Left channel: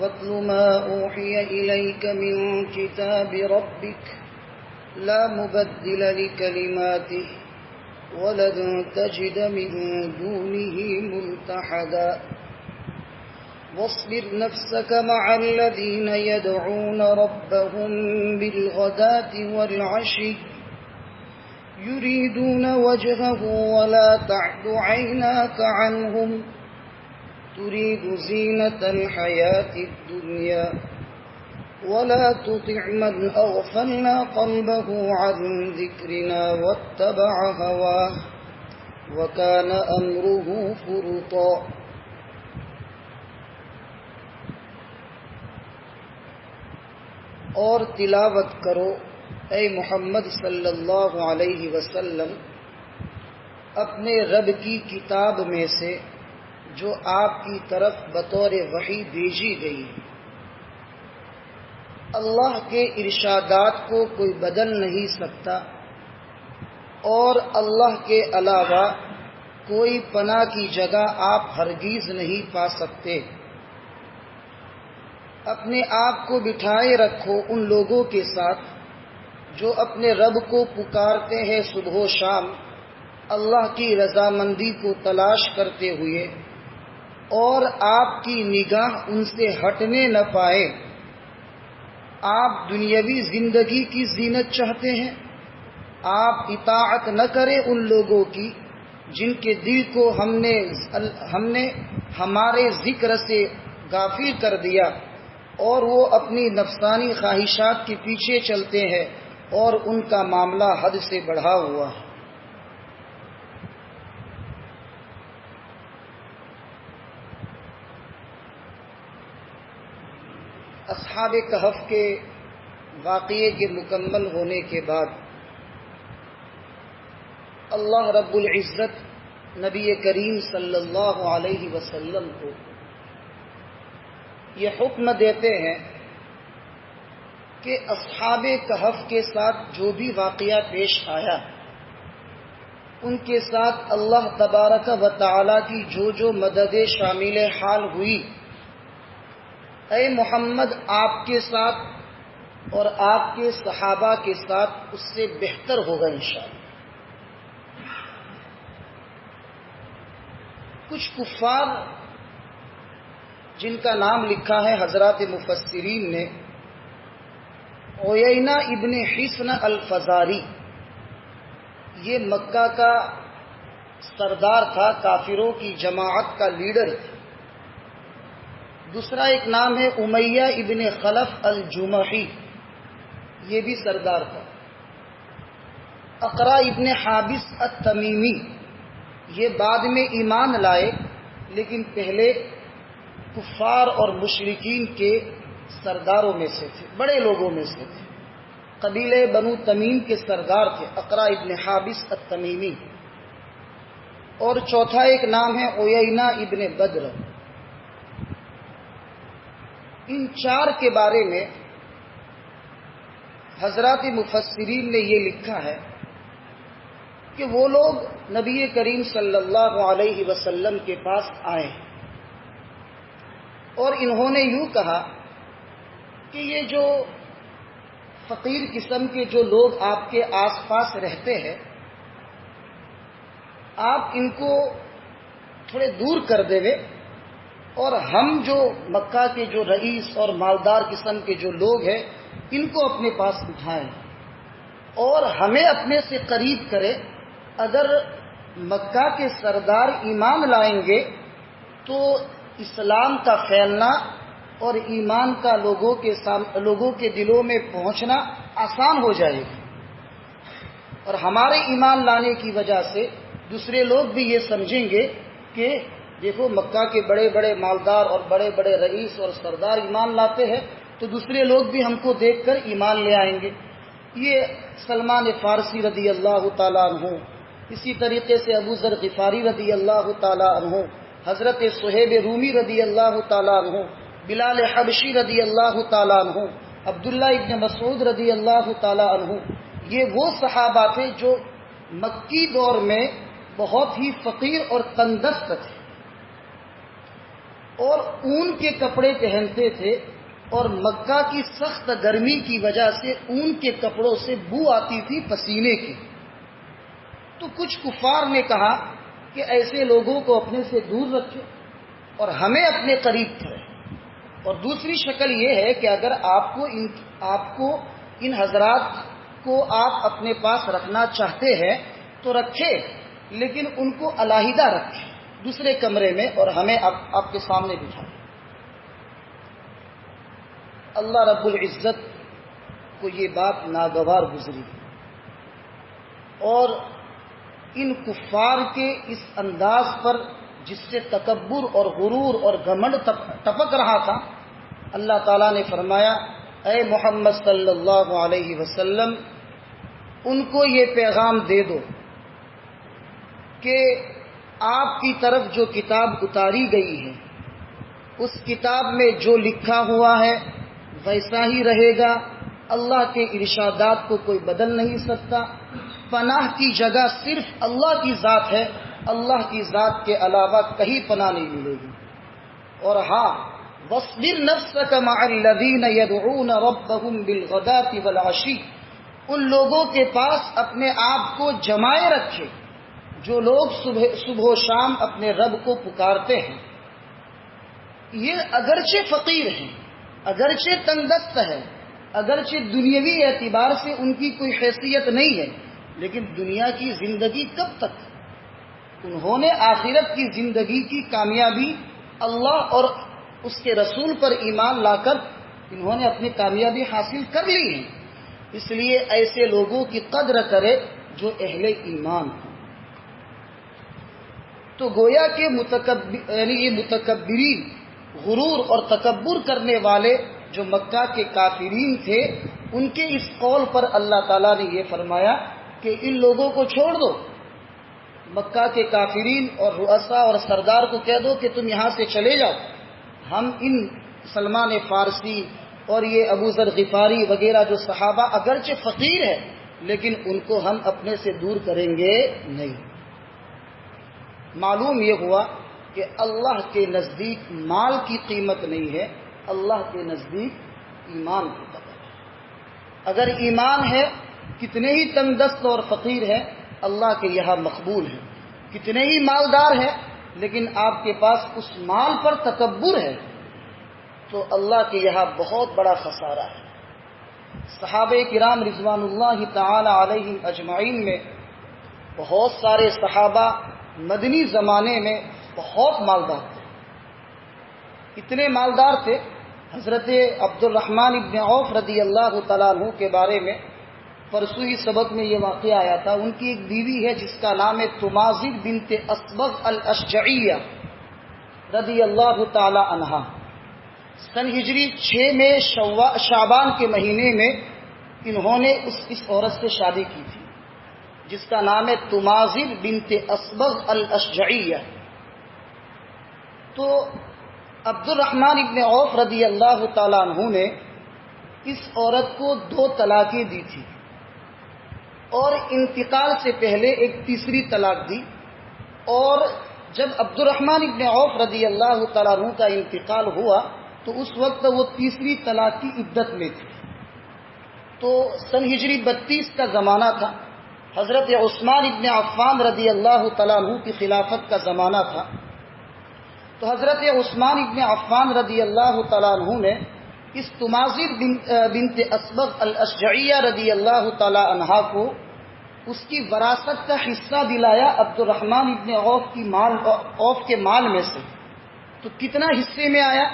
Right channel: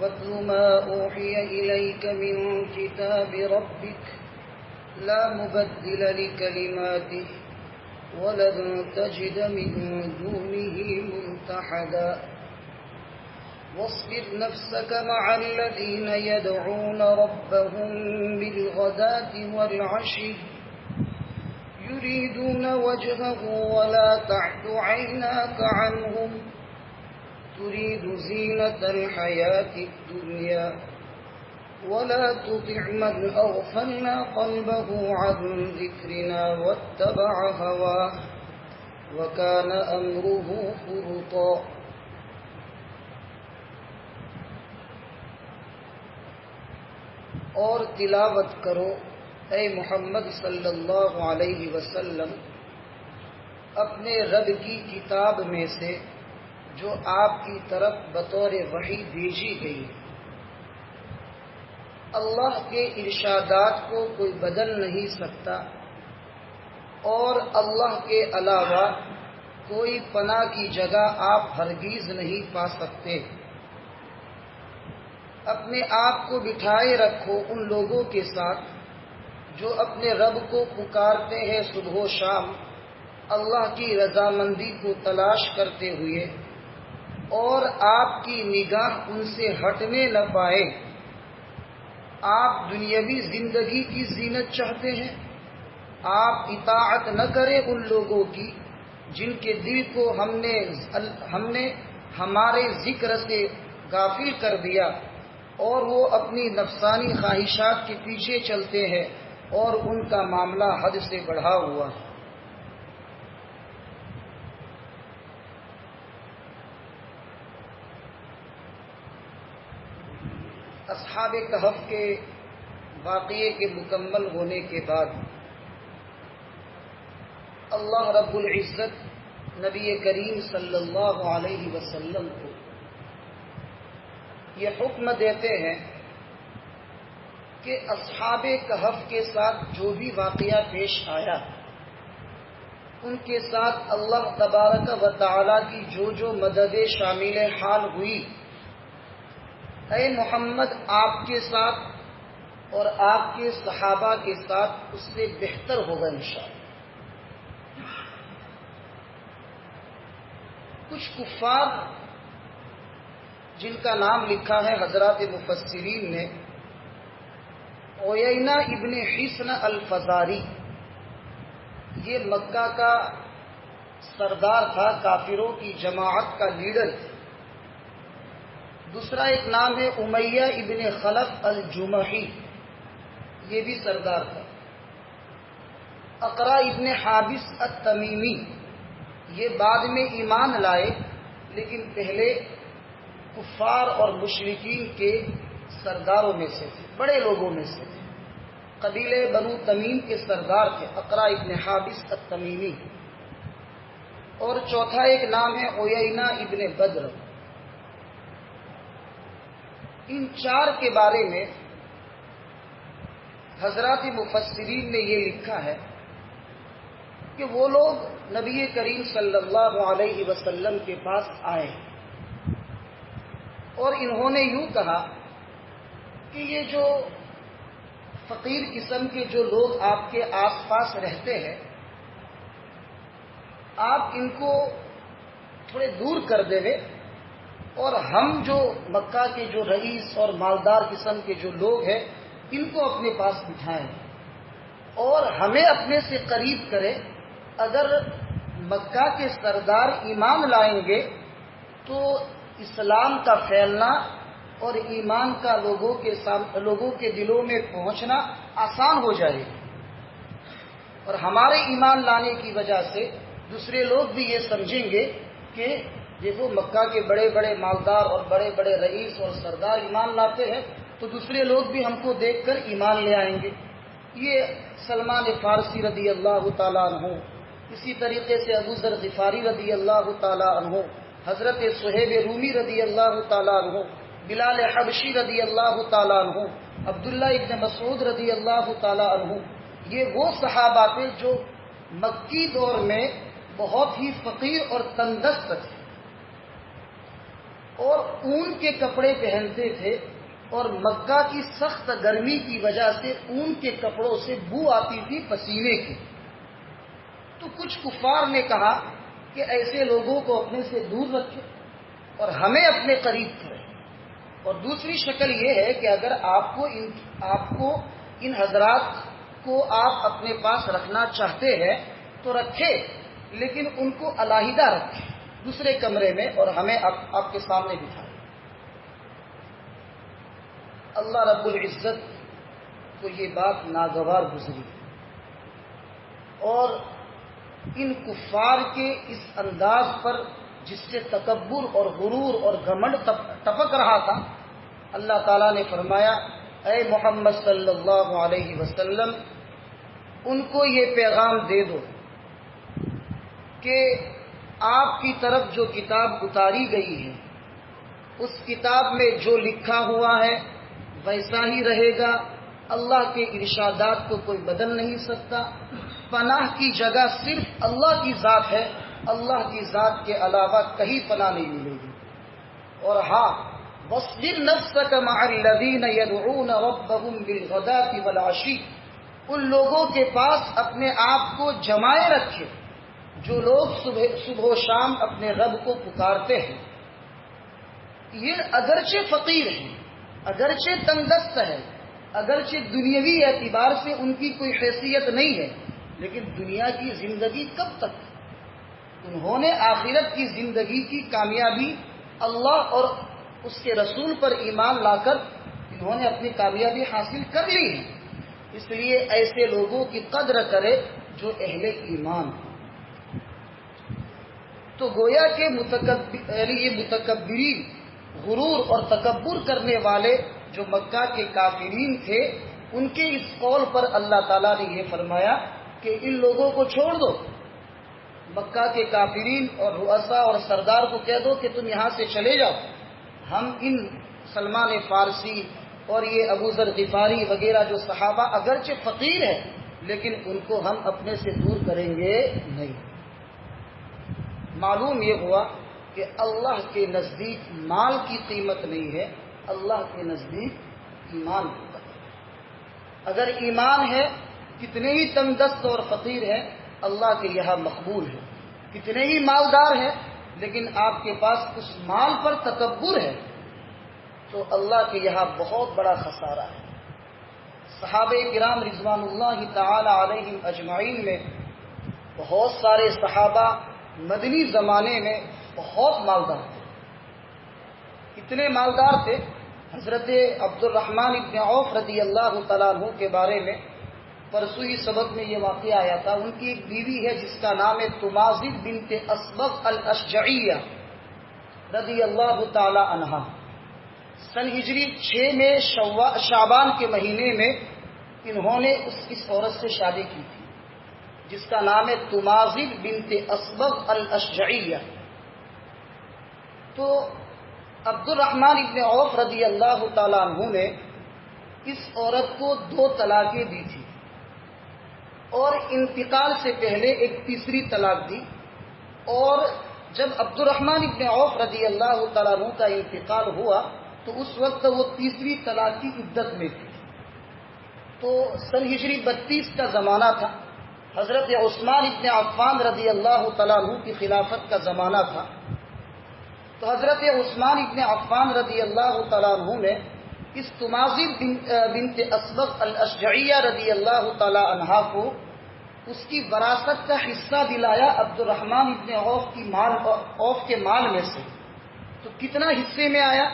واتل ما أوحي إليك من كتاب ربك لا مبدل لكلماته ولن تجد من دونه ملتحدا واصبر نفسك مع الذين يدعون ربهم بالغداة والعشي يريدون وجهه ولا تعد عيناك عنهم تريد زينة الحياة الدنيا ولا تطع من أغفلنا قلبه عن ذكرنا واتبع هواه وكان أمره فرطا. اور تلاوت کرو اے محمد صلی اللہ علیہ وسلم اپنے رب کی کتاب میں سے جو آپ کی طرف بطور وحی بھیجی گئی ہے. اللہ کے ارشادات کو کوئی بدل نہیں سکتا اور اللہ کے علاوہ کوئی پناہ کی جگہ آپ ہرگز نہیں پا سکتے. اپنے آپ کو بٹھائے رکھو ان لوگوں کے ساتھ جو اپنے رب کو پکارتے ہیں صبح و شام اللہ کی رضامندی کو تلاش کرتے ہوئے اور آپ کی نگاہ ان سے ہٹنے نہ پائے. آپ دنیاوی زندگی کی زینت چاہتے ہیں، آپ اطاعت نہ کریں ان لوگوں کی جن کے دل کو ہم نے ہمارے ذکر سے غافل کر دیا اور وہ اپنی نفسانی خواہشات کے پیچھے چلتے ہیں اور ان کا معاملہ حد سے بڑھا ہوا ہے. اصحاب کہف کے واقعے کے مکمل ہونے کے بعد اللہ رب العزت نبی کریم صلی اللہ علیہ وسلم کو یہ حکم دیتے ہیں کہ اصحاب کہف کے ساتھ جو بھی واقعہ پیش آیا ان کے ساتھ اللہ تبارک و تعالی کی جو مدد شامل حال ہوئی، اے محمد آپ کے ساتھ اور آپ کے صحابہ کے ساتھ اس سے بہتر ہوگا انشاءاللہ. کچھ کفار جن کا نام لکھا ہے حضرات مفسرین نے، عیینہ ابن حصن الفزاری، یہ مکہ کا سردار تھا، کافروں کی جماعت کا لیڈر تھا. دوسرا ایک نام ہے امیہ ابن خلف الجمحی، یہ بھی سردار تھا. اقرا ابن حابس التمیمی، یہ بعد میں ایمان لائے لیکن پہلے کفار اور مشرکین کے سرداروں میں سے تھے، بڑے لوگوں میں سے تھے. قبیلے بنو تمیم کے سردار تھے اقرا ابن حابس التمیمی. اور چوتھا ایک نام ہے عیینہ ابن بدر. ان چار کے بارے میں حضرات مفسرین نے یہ لکھا ہے کہ وہ لوگ نبی کریم صلی اللہ علیہ وسلم کے پاس آئے اور انہوں نے یوں کہا کہ یہ جو فقیر قسم کے جو لوگ آپ کے آس پاس رہتے ہیں آپ ان کو تھوڑے دور کر دے اور ہم جو مکہ کے جو رئیس اور مالدار قسم کے جو لوگ ہیں ان کو اپنے پاس بٹھائیں اور ہمیں اپنے سے قریب کرے. اگر مکہ کے سردار ایمان لائیں گے تو اسلام کا پھیلنا اور ایمان کا لوگوں کے دلوں میں پہنچنا آسان ہو جائے گا اور ہمارے ایمان لانے کی وجہ سے دوسرے لوگ بھی یہ سمجھیں گے کہ دیکھو مکہ کے بڑے بڑے مالدار اور بڑے بڑے رئیس اور سردار ایمان لاتے ہیں تو دوسرے لوگ بھی ہم کو دیکھ کر ایمان لے آئیں گے. یہ سلمان فارسی رضی اللہ تعالیٰ عنہ، اسی طریقے سے ابو ذر غفاری رضی اللہ تعالیٰ عنہ، حضرت صہیب رومی رضی اللہ تعالیٰ عنہ، بلال حبشی رضی اللہ تعالیٰ عنہ، عبداللہ ابن مسعود رضی اللہ تعالیٰ عنہ، یہ وہ صحابہ تھے جو مکی دور میں بہت ہی فقیر اور تنگدست تھے. اور اون کے کپڑے پہنتے تھے، اور مکہ کی سخت گرمی کی وجہ سے اون کے کپڑوں سے بو آتی تھی پسینے کی۔ تو کچھ کفار نے کہا کہ ایسے لوگوں کو اپنے سے دور رکھو اور ہمیں اپنے قریب کرے۔ اور دوسری شکل یہ ہے کہ اگر آپ کو ان حضرات کو آپ اپنے پاس رکھنا چاہتے ہیں تو رکھے، لیکن ان کو علیحدہ رکھے دوسرے کمرے میں، اور ہمیں آپ کے سامنے بٹھائے۔ اللہ رب العزت کو یہ بات ناگوار گزری، اور ان کفار کے اس انداز پر جس سے تکبر اور غرور اور گھمنڈ ٹپک رہا تھا، اللہ تعالیٰ نے فرمایا اے محمد صلی اللہ علیہ وسلم ان کو یہ پیغام دے دو کہ آپ کی طرف جو کتاب اتاری گئی ہے اس کتاب میں جو لکھا ہوا ہے ویسا ہی رہے گا، اللہ کے ارشادات کو کوئی بدل نہیں سکتا، پناہ کی جگہ صرف اللہ کی ذات ہے، اللہ کی ذات کے علاوہ کہیں پناہ نہیں ملے گی۔ اور ہاں وَاصْبِرْ نَفْسَكَ مَعَ الَّذِينَ يَدْعُونَ رَبَّهُمْ بِالْغَدَاةِ وَالْعَشِيِّ، ان لوگوں کے پاس اپنے آپ کو جمائے رکھے جو لوگ صبح و شام اپنے رب کو پکارتے ہیں۔ یہ اگرچہ فقیر ہیں، اگرچہ تنگ دست ہے، اگرچہ دنیاوی اعتبار سے ان کی کوئی حیثیت نہیں ہے، لیکن دنیا کی زندگی کب تک؟ انہوں نے آخرت کی زندگی کی کامیابی اللہ اور اس کے رسول پر ایمان لا کر انہوں نے اپنی کامیابی حاصل کر لی ہے۔ اس لیے ایسے لوگوں کی قدر کرے جو اہل ایمان ہوں۔ تو گویا کہ یہ متکبرین، غرور اور تکبر کرنے والے جو مکہ کے کافرین تھے، ان کے اس قول پر اللہ تعالیٰ نے یہ فرمایا کہ ان لوگوں کو چھوڑ دو، مکہ کے کافرین اور رؤساء اور سردار کو کہہ دو کہ تم یہاں سے چلے جاؤ، ہم ان سلمان فارسی اور یہ ابو ذر غفاری وغیرہ جو صحابہ اگرچہ فقیر ہیں لیکن ان کو ہم اپنے سے دور کریں گے نہیں۔ معلوم یہ ہوا کہ اللہ کے نزدیک مال کی قیمت نہیں ہے، اللہ کے نزدیک ایمان کی قدر ہے۔ اگر ایمان ہے، کتنے ہی تنگ دست اور فقیر ہیں اللہ کے یہاں مقبول ہے، کتنے ہی مالدار ہیں لیکن آپ کے پاس اس مال پر تکبر ہے تو اللہ کے یہاں بہت بڑا خسارہ ہے۔ صحابہ کرام رضوان اللہ تعالی علیہم اجمعین میں بہت سارے صحابہ مدنی زمانے میں بہت مالدار تھے۔ اتنے مالدار تھے، حضرت عبد الرحمن ابن عوف رضی اللہ تعالیٰ عنہ کے بارے میں پرسوں ہی سبق میں یہ واقعہ آیا تھا۔ ان کی ایک بیوی ہے جس کا نام ہے تمازغ بنت اسبغ الاشجعیہ رضی اللہ تعالی عنہا۔ سن ہجری 6 میں شعبان کے مہینے میں انہوں نے اس عورت سے شادی کی تھی جس کا نام ہے تمازغ بنت اسبغ الاشجعیہ۔ تو عبد الرحمن ابن عوف رضی اللہ تعالیٰ عنہ نے اس عورت کو 2 طلاقیں دی تھی اور انتقال سے پہلے ایک تیسری طلاق دی، اور جب عبد الرحمن ابن عوف رضی اللہ تعالیٰ عنہ کا انتقال ہوا تو اس وقت وہ تیسری طلاق کی عدت میں تھی۔ تو سن ہجری 32 کا زمانہ تھا، حضرت عثمان ابن عفان رضی اللہ تعالیٰ عنہ کی خلافت کا زمانہ تھا۔ تو حضرت عثمان ابن عفان رضی اللہ تعالیٰ عنہ نے اس تمازغ بنت اسبغ الاشجعیہ رضی اللہ تعالیٰ عنہا کو اس کی وراثت کا حصہ دلایا عبد الرحمن ابن عوف کے مال میں سے۔ تو کتنا حصے میں آیا؟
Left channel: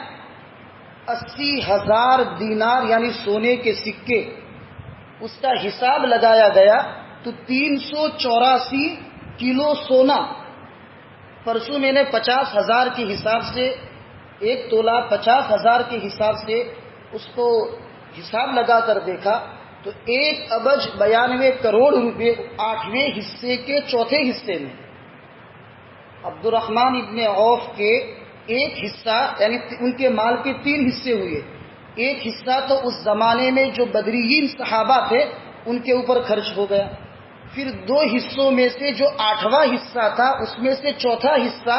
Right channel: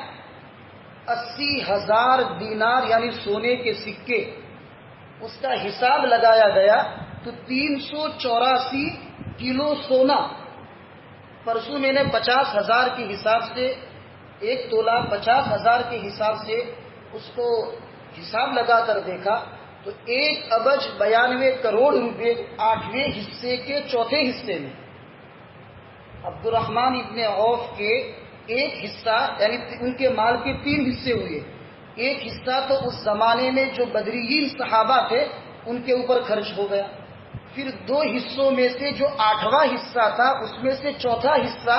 80,000 دینار یعنی سونے کے سکے، اس کا حساب لگایا گیا تو 384 کلو سونا۔ پرسوں میں نے 50,000 کے حساب سے 1 تولہ 50,000 کے حساب سے اس کو حساب لگا کر دیکھا تو 1,92 کروڑ روپے 8ویں حصے کے چوتھے حصے میں عبد الرحمن ابن عوف کے ایک حصہ، یعنی ان کے مال کے 3 حصے ہوئے۔ ایک حصہ تو اس زمانے میں جو بدریین صحابہ تھے ان کے اوپر خرچ ہو گیا، پھر 2 حصوں میں سے جو 8واں حصہ تھا اس میں سے چوتھا حصہ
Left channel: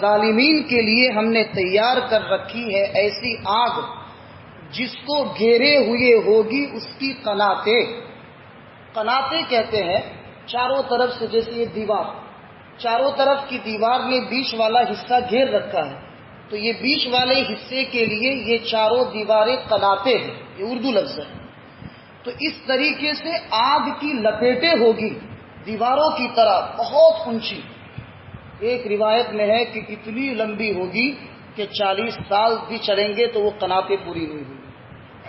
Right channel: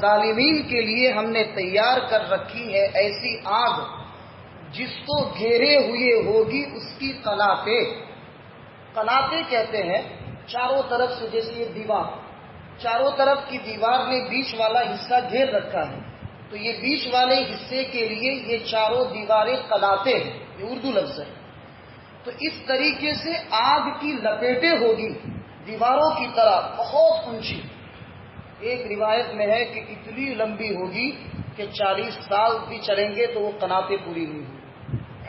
ظالمین کے لیے ہم نے تیار کر رکھی ہے ایسی آگ جس کو گھیرے ہوئے ہوگی اس کی قناتیں. قناتیں کہتے ہیں چاروں طرف سے، جیسے یہ دیوار، چاروں طرف کی دیوار نے بیچ والا حصہ گھیر رکھا ہے، تو یہ بیچ والے حصے کے لیے یہ چاروں دیواریں قناتیں ہیں. یہ اردو لفظ ہے. تو اس طریقے سے آگ کی لپیٹیں ہوگی دیواروں کی طرح بہت اونچی. ایک روایت میں ہے کہ اتنی لمبی ہوگی کہ 40 سال بھی چلیں گے تو وہ قناتیں پوری نہیں ہوں.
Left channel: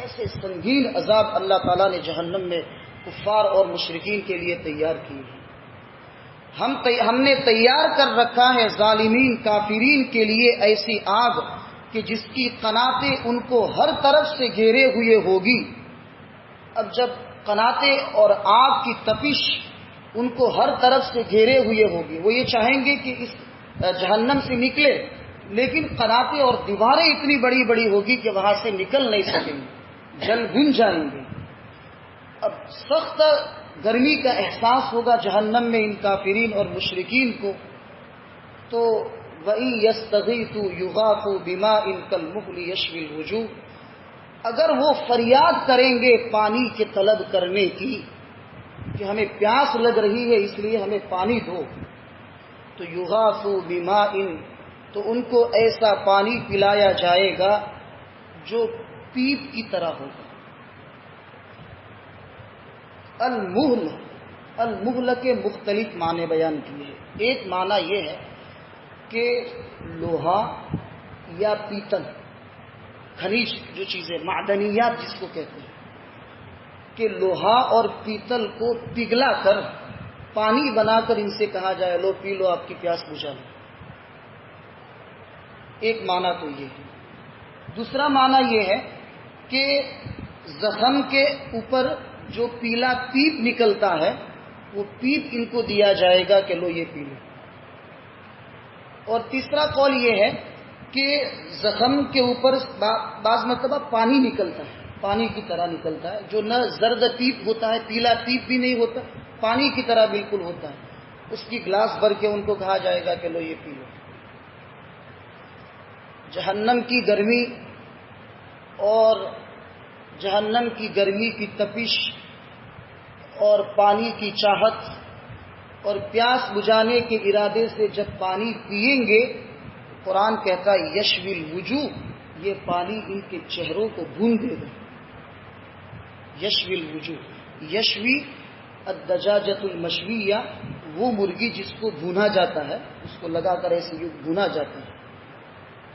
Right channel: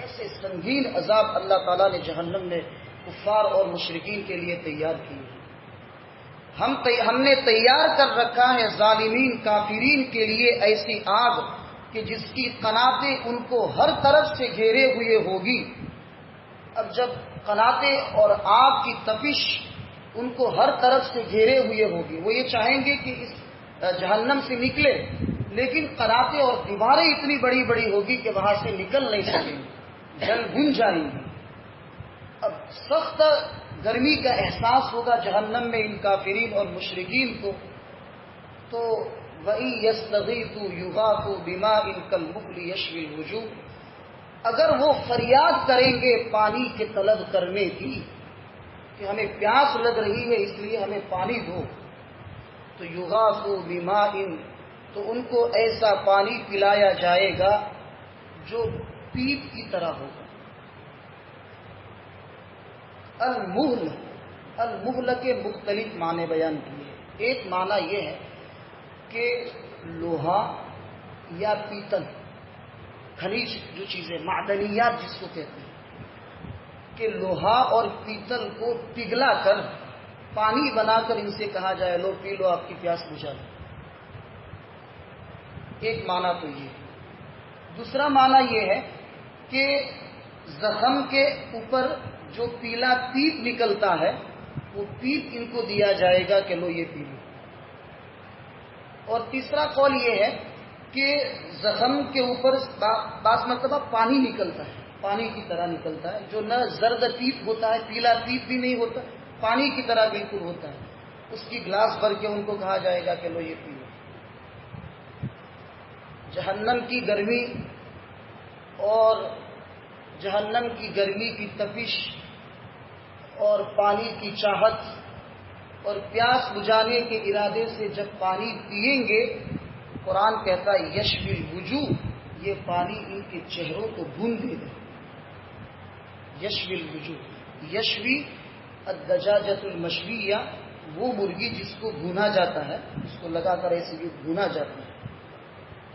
ایسے سنگین عذاب اللہ تعالیٰ نے جہنم میں کفار اور مشرکین کے لیے تیار کی ہے. ہم نے تیار کر رکھا ہے ظالمین کافرین کے لیے ایسی آگ کہ جس کی قناتیں ان کو ہر طرف سے گھیرے ہوئے ہوگی. اب جب قناتیں اور آگ کی تپش ان کو ہر طرف سے گھیرے ہوئے ہوگی، وہ یہ چاہیں گے کہ اس جہنم سے نکلے، لیکن قناتیں اور دیواریں اتنی بڑی بڑی ہوگی کہ وہاں سے نکل نہیں سکیں گے، جل بھن جائیں گے. اب سخت گرمی کا احساس ہوگا جہنم میں ان کافرین اور مشرکین کو. تو وَإِن يَسْتَغِيثُوا يُغَاثُوا بِمَاءٍ كَالْمُهْلِ يَشْوِي الْوُجُوهَ، اگر وہ فریاد کریں گے پانی کے طلب کرنے کی کہ ہمیں پیاس لگ رہی ہے اس لیے ہمیں پانی دو، تو یغاثوا بماء، تو ان کو ایسا پانی پلایا جائے گا جو پیپ کی طرح ہوگا. المہل کے مختلف معنی بیان کیے. ایک معنی یہ ہے کہ لوہا یا پیتل، خلیج جو چیزیں معدنیات جس کو کہتے ہیں، کہ لوہا اور پیتل کو پگھلا کر پانی بنا کر ان سے کہا جائے لو پی لو، آپ کی پیاس بجھا لو. ایک معنی تو یہ ہے. دوسرا معنی یہ ہے کہ زخم کے اوپر جو پیلا پیپ نکلتا ہے وہ پیپ ان کو دیا جائے گا کہ لو یہ پی لو. اور تیسرا قول یہ ہے کہ زخم کے اوپر بعض مرتبہ پانی نکلتا ہے، پانی کی طرح نکلتا ہے، جو نہ زرد پیپ ہوتا ہے، پیلا پیپ بھی نہیں ہوتا، پانی کی طرح بالکل ہوتا ہے. اس کی گلاس بھر کے ان کو کہا جائے گا کہ لو یہ پی لو. جہنم کی گرمی اور جہنم کی گرمی کی تپش اور پانی کی چاہت اور پیاس بجھانے کے ارادے سے جب پانی پیئیں گے، قرآن کہتا ہے یشوی الوجوہ، یہ پانی ان کے چہروں کو بھون دے گا. یشوی الوجوہ، یشوی الدجاجۃ المشویہ، وہ مرغی جس کو بھونا جاتا ہے، اس کو لگا کر ایسے بھونا جاتا ہے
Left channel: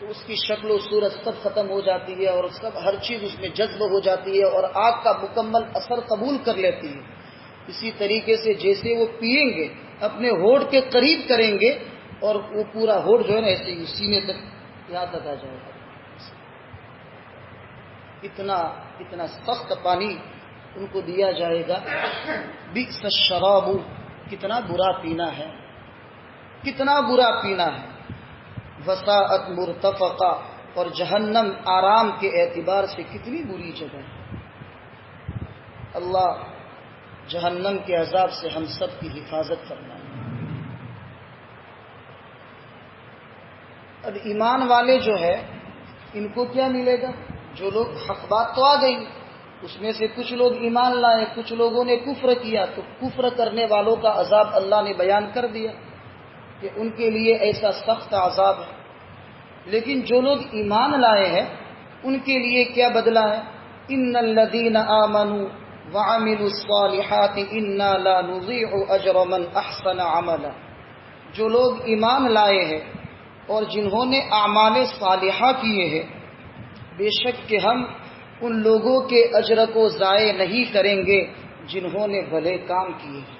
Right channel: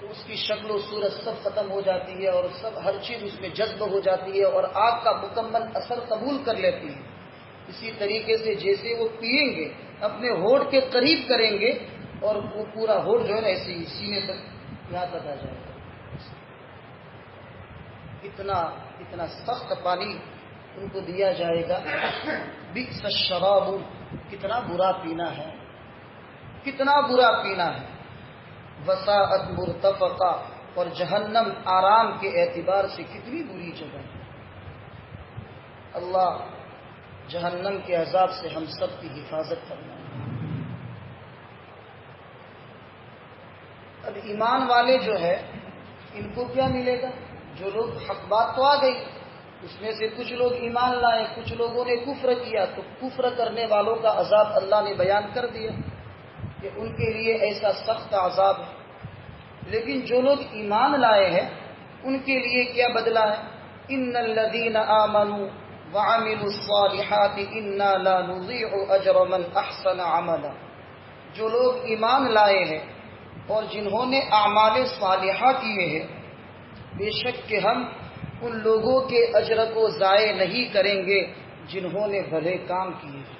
تو اس کی شکل و صورت سب ختم ہو جاتی ہے اور سب ہر چیز اس میں جذب ہو جاتی ہے اور آگ کا مکمل اثر قبول کر لیتی ہے. اسی طریقے سے جیسے وہ پیئیں گے اپنے ہونٹ کے قریب کریں گے اور وہ پورا ہونٹ جو ہے نا ایسے ہی سینے تک یہاں تک آ جائے گا. اتنا سخت پانی ان کو دیا جائے گا. بئس الشراب، کتنا برا پینا ہے، کتنا برا پینا ہے. وساعت مرتفقہ، اور جہنم آرام کے اعتبار سے کتنی بری جگہ ہے. اللہ جہنم کے عذاب سے ہم سب کی حفاظت کرنا ہے. اب ایمان والے جو ہے ان کو کیا ملے گا؟ جو لوگ حق بات تو آ گئی، اس میں سے کچھ لوگ ایمان لائے، کچھ لوگوں نے کفر کیا، تو کفر کرنے والوں کا عذاب اللہ نے بیان کر دیا کہ ان کے لیے ایسا سخت عذاب ہے. لیکن جو لوگ ایمان لائے ہیں ان کے لیے کیا بدلہ ہے؟ ان الذین آمنوا وعملوا الصالحات انا لا نضيع اجر من احسن عملا. جو لوگ ایمان لائے ہیں اور جنہوں نے اعمال صالحہ کیے ہیں، بے شک کہ ہم ان لوگوں کے اجر کو ضائع نہیں کریں گے جنہوں نے بھلے کام کیے ہیں.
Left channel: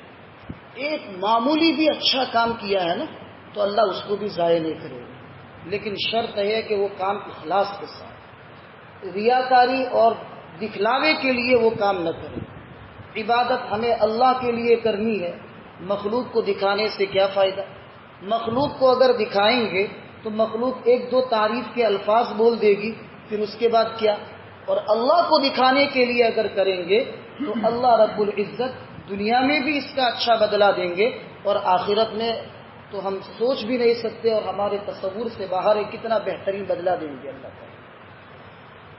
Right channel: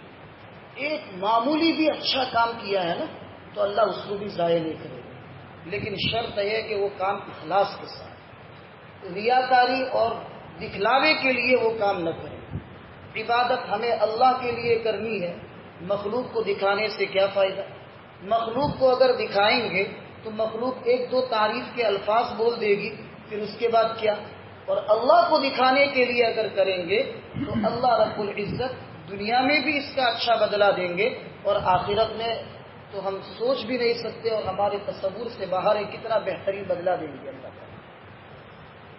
ایک معمولی بھی اچھا کام کیا ہے نا تو اللہ اس کو بھی ضائع نہیں کرے گا، لیکن شرط ہے کہ وہ کام اخلاص کے ساتھ، ریاکاری اور دکھلاوے کے لیے وہ کام نہ کرے. عبادت ہمیں اللہ کے لیے کرنی ہے، مخلوق کو دکھانے سے کیا فائدہ؟ مخلوق کو اگر دکھائیں گے تو مخلوق ایک دو تعریف کے الفاظ بول دے گی، پھر اس کے بعد کیا؟ اور اللہ کو دکھانے کے لیے اگر کریں گے تو اللہ رب العزت دنیا میں بھی اس کا اچھا بدلہ دیں گے اور آخرت میں تو ہم سوچ بھی نہیں سکتے اور ہمارے تصور سے باہر ہے کتنا بہترین بدلہ دیں گے اللہ تعالیٰ۔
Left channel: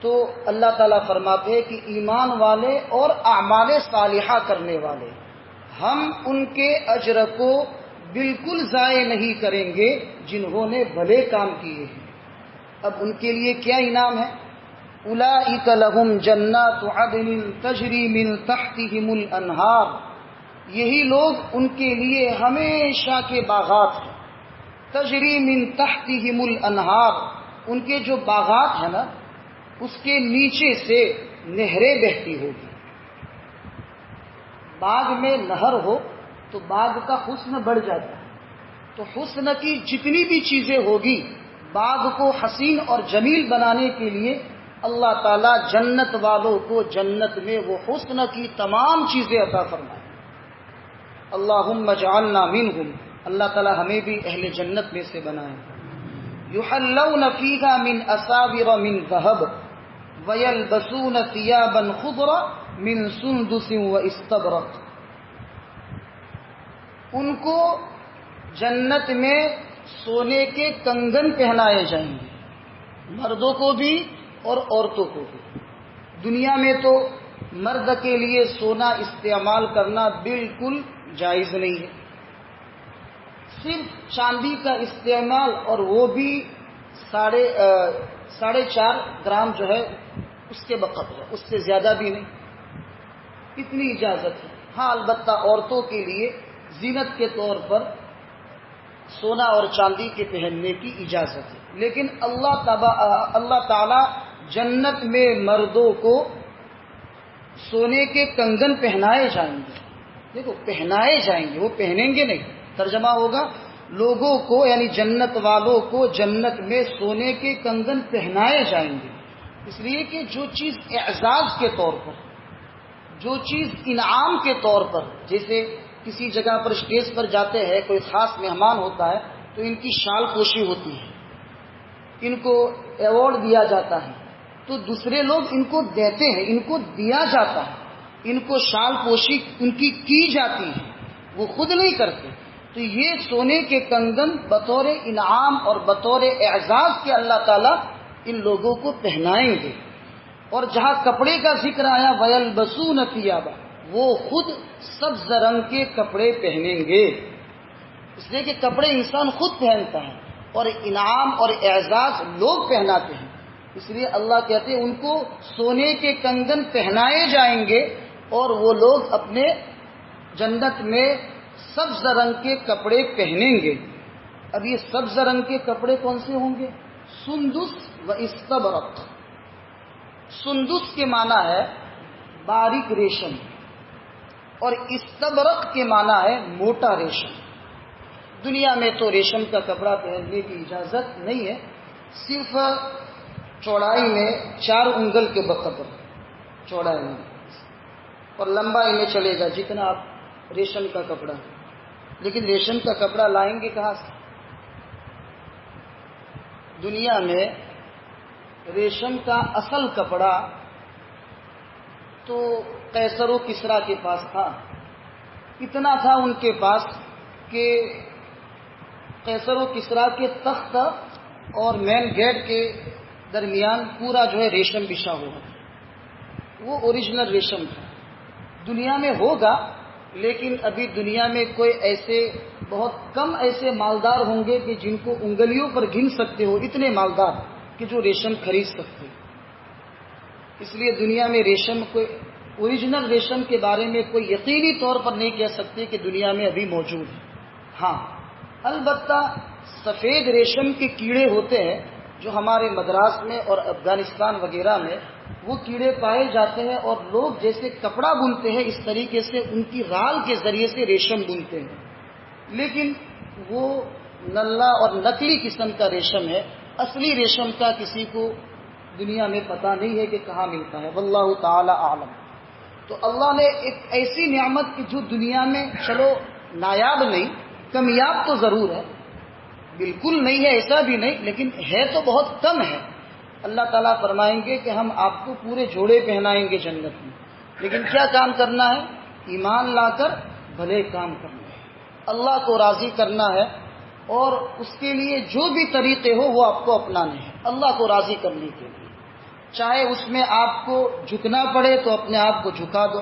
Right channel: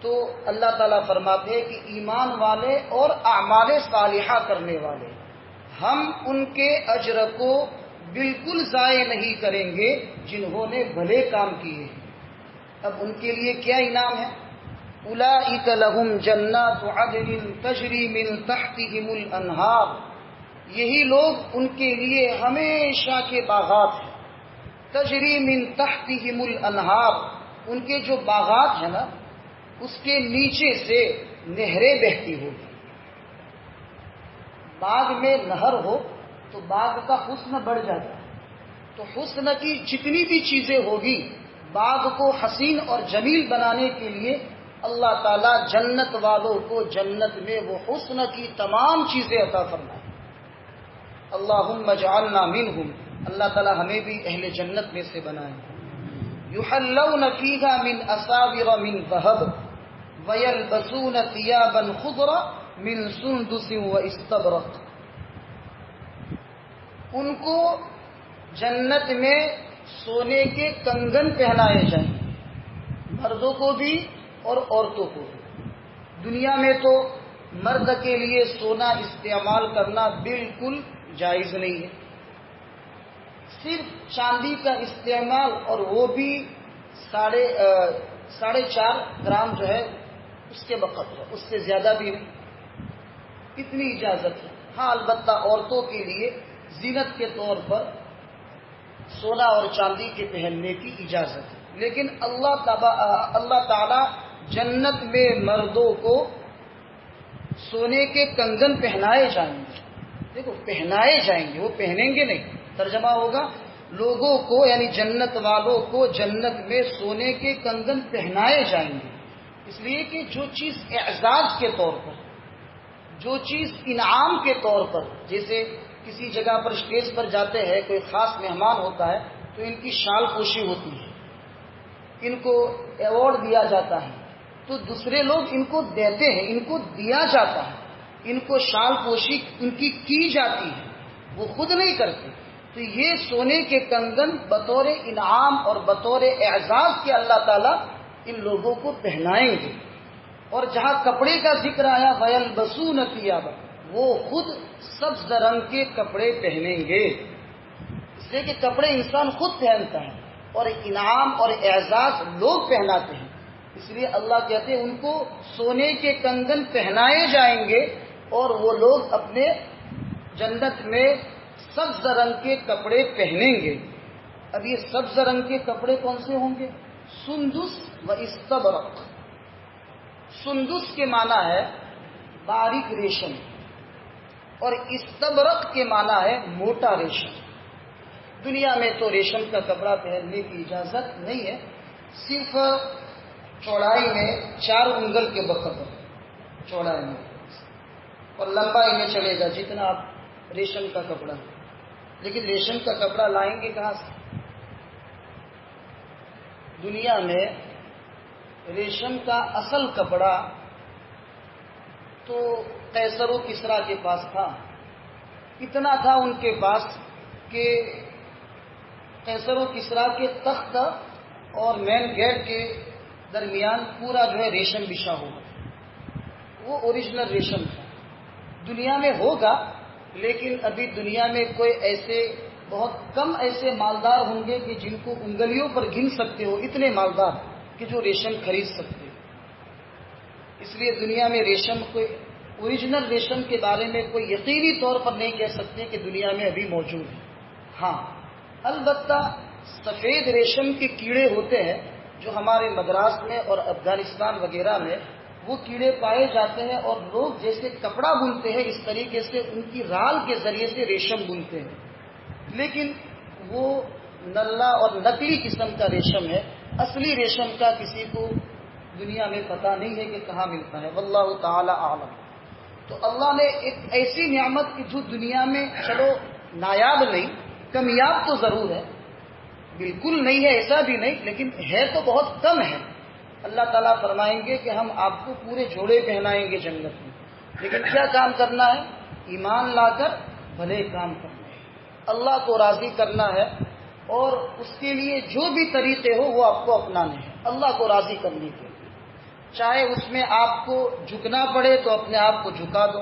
تو اللہ تعالیٰ فرماتے ہیں کہ ایمان والے اور اعمال صالحہ کرنے والے ہم ان کے اجر کو بالکل ضائع نہیں کریں گے جنہوں نے بھلے کام کیے ہیں۔ اب ان کے لیے کیا انعام ہے؟ اولئک لہم جنات عدن تجری من تحتہم الانہار، یہی لوگ ان کے لیے ہمیشہ کے باغات ہیں۔ تجری من تحتہم الانہار، ان کے جو باغات ہیں نا اس کے نیچے سے نہریں بہتی ہوگی۔ باغ میں نہر ہو تو باغ کا حسن بڑھ جاتا ہے، تو حسن کی جتنی بھی چیزیں ہوگی باغ کو حسین اور جمیل بنانے کے لیے اللہ تعالیٰ جنت والوں کو جنت میں وہ حسن کی تمام چیزیں عطا فرمائے۔ اللہم اجعلنا منہم، اللہ تعالیٰ ہمیں بھی اہل جنت میں سے بنائے۔ یحلون فیہا من اساور من ذہب ویلبسون ثیابا خضرا من سندس واستبرق، ان کو جنت میں سونے کے کنگن پہنائے جائیں گے، مردوں کو بھی اور عورتوں کو بھی۔ دنیا میں تو مرد کے لیے سونا استعمال کرنا بالکل جائز نہیں ہے، صرف چاندی کا استعمال، اور وہ بھی 4.5 گرام جو ہے اس کے بقدر ہے، اس سے زیادہ بھی نہیں، اتنی اجازت ہے۔ ہاں البتہ عورتوں کے لیے زینت کے طور پر سونا اور چاندی کے پہننے کی اجازت ہے، لیکن اللہ تعالی جنت میں مردوں کو سونے کے کنگن پہنائے جائیں گے۔ دیکھو پہنائے جائیں گے، وہ پہنیں گے نہیں، ترجمہ ہوگا لوگوں کو یعنی جنت والوں کو جنت میں سونے کے کنگن پہنائے جائیں گے، اس لیے کہ جو چیز اعزاز کے طور پر، جو چیز انعام کے طور پر، جیسے کسی جگہ پر اسٹیج پر جاتے ہیں کوئی خاص مہمان ہوتا ہے تو ان کی شال پوشی ہوتی ہے، ان کو ایوارڈ دیا جاتا ہے، تو دوسرے لوگ ان کو دیتے ہیں، ان کو دیا جاتا ہے، ان کو شال پوشی ان کی جاتی ہے، وہ خود نہیں کرتے۔ تو یہ سونے کے کنگن بطور انعام اور بطور اعزاز کے اللہ تعالیٰ ان لوگوں کو پہنائیں گے۔ اور جہاں کپڑے کا ذکر آیا وَيَلْبَسُونَ ثِيَابًا، وہ خود سبز رنگ کے کپڑے پہنیں گے، اس لیے کہ کپڑے انسان خود پہنتا ہے اور انعام اور اعزاز لوگ پہناتے ہیں، اس لیے اللہ کہتے ہیں ان کو سونے کے کنگن پہنائے جائیں گے اور وہ لوگ اپنے جنت میں سبز رنگ کے کپڑے پہنیں گے۔ اب یہ سبز رنگ کے کپڑے کون سے ہوں گے؟ سندس و استبرق۔ سندس کے معنی ہے باریک ریشم اور استبرق کے معنی ہے موٹا ریشم۔ دنیا میں تو ریشم کا کپڑا پہننے کی اجازت نہیں ہے، صرف چوڑائی میں 4 انگل کے بقدر چوڑائی میں، اور لمبائی میں چلے گا جتنا آپ ریشم کا کپڑا، لیکن ریشم کا کپڑا لائیں گے کہاں سے؟ دنیا میں ریشم کا اصل کپڑا تو قیصر و کسریٰ کے پاس تھا، اتنا تھا ان کے پاس کہ قیصر و کسریٰ کے تخت اور مین گیٹ کے درمیان پورا جو ہے ریشم بچھا ہوگا، وہ اوریجنل ریشم تھا۔ دنیا میں ہوگا لیکن ابھی دنیا میں کوئی ایسے بہت کم ایسے مالدار ہوں گے کہ جن کو انگلیوں پر گن سکتے ہو، اتنے مالدار کہ جو ریشم خرید سکتے ہو۔ اس لیے دنیا میں ریشم کوئی اوریجنل ریشم کے بارے میں کوئی یقینی طور پر نہیں کہہ سکتے کہ دنیا میں ابھی موجود ہے۔ ہاں البتہ سفید ریشم کے کیڑے ہوتے ہیں جو ہمارے مدراس میں اور افغانستان وغیرہ میں وہ کیڑے پائے جاتے ہیں، اور لوگ جیسے کپڑا بنتے ہیں اس طریقے سے ان کی رال کے ذریعے سے ریشم بنتے ہیں، لیکن وہ نلا اور نقلی قسم کا ریشم ہے، اصلی ریشم کا کسی کو دنیا میں پتہ نہیں ہے کہ کہاں ملتا ہے، واللہ تعالی عالم۔ تو اللہ نے ایک ایسی نعمت کی جو دنیا میں چلو نایاب نہیں، کمیاب تو ضرور ہے، بالکل نہیں ہے ایسا بھی نہیں، لیکن ہے تو بہت کم ہے۔ اللہ تعالیٰ فرمائیں گے کہ ہم آپ کو پورے جوڑے پہنائیں گے جنت میں، لیکن کیا کام کرنا ہے؟ ایمان لا کر بھلے کام کرنا ہے، اللہ کو راضی کرنا ہے، اور اس کے لیے جو بھی طریقے ہو وہ آپ کو اپنانے ہیں اللہ کو راضی کرنے کے لیے. چاہے اس میں آپ کو جھکنا پڑے تو اپنے آپ کو جھکا دو،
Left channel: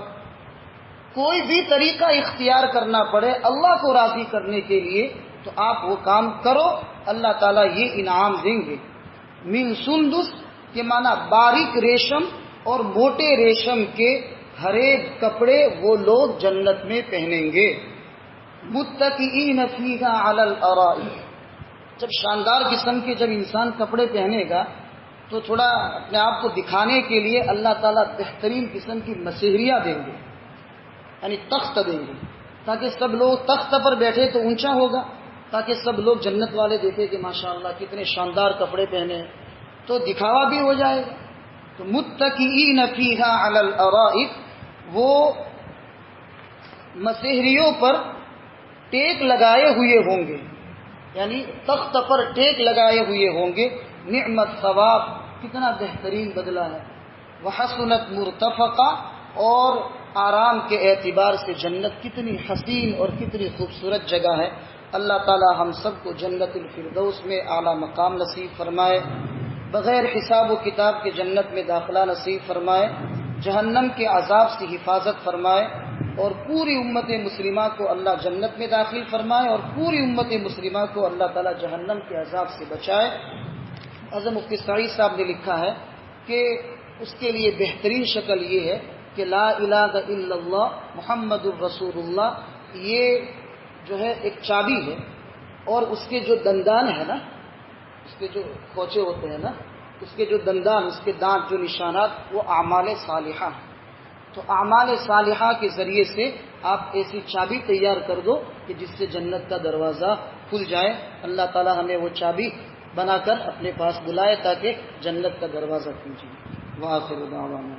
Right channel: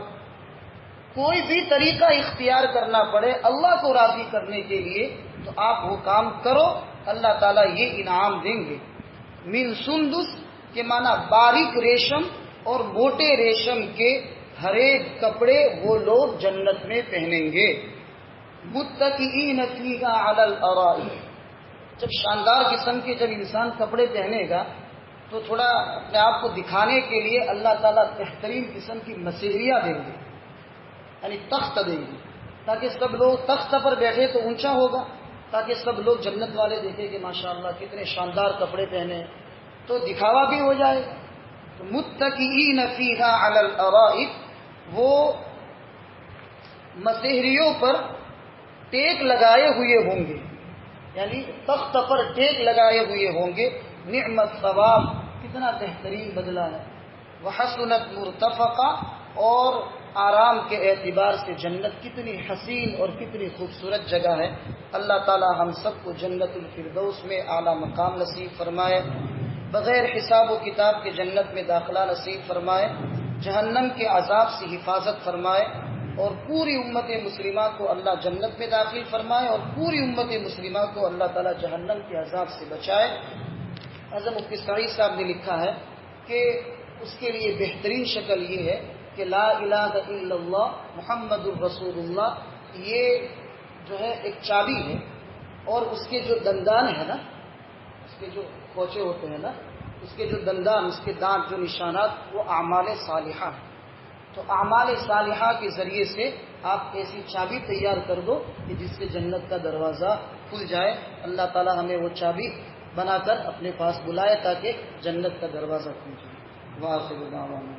کوئی بھی طریقہ اختیار کرنا پڑے اللہ کو راضی کرنے کے لیے تو آپ وہ کام کرو، اللہ تعالیٰ یہ انعام دیں گے. من سندس کے معنی باریک ریشم اور موٹے ریشم کے ہر ایک کپڑے وہ لوگ جنت میں پہنیں گے. متکئین فیہا علی الارائک، جب شاندار قسم کے جب انسان کپڑے پہنے گا تو تھوڑا اپنے آپ کو دکھانے کے لیے اللہ تعالیٰ بہترین قسم کی مسہریاں دیں گے، یعنی تخت دیں گے تاکہ سب لوگ تخت پر بیٹھے تو اونچا ہوگا، تاکہ سب لوگ جنت والے دیکھیں کہ ماشاءاللہ کتنے شاندار کپڑے پہنے ہیں، تو دکھاوا بھی ہو جائے گا. تو متکئین فیہا علی الارائک، وہ مسہریوں پر ٹیک لگائے ہوئے ہوں گے، یعنی تخت پر ٹیک لگائے ہوئے ہوں گے. نعمت ثواب، کتنا بہترین بدلہ ہے. وحسنت مرتفقہ، اور آرام کے اعتبار سے جنت کتنی حسین اور کتنی خوبصورت جگہ ہے. اللہ تعالی ہم سب کو جنت الفردوس میں اعلیٰ مقام نصیب فرمائے، بغیر حساب و کتاب کے جنت میں داخلہ نصیب فرمائے، جہنم کے عذاب سے حفاظت فرمائے، اور پوری امت مسلمہ کو اللہ جنت میں داخل فرمائے، اور پوری امت مسلمہ کو اللہ تعالی جہنم کے عذاب سے بچائے. اعظم مفتی سعید صاحب نے لکھا ہے کہ اس کے لیے بہترین شکل یہ ہے کہ لا الہ الا اللہ محمد الرسول اللہ، یہ جو ہے ایک چابی ہے، اور اس کے جو دندان ہے نا، اس کے جو کھوچے ہوتے ہیں نا، اس کے جو دندان، اس کے دانت، جو نشانات، وہ اعمال صالحہ ہیں. تو اعمال صالحہ کے ذریعے سے آپ ایسی چابی تیار کر دو کہ جس سے جنت کا دروازہ کھل جائے. اللہ تعالی ہمیں وہ چابی بنا کر اپنے پاس بلائے تاکہ جنت کا دروازہ کھل جائے. وآخر دعوانا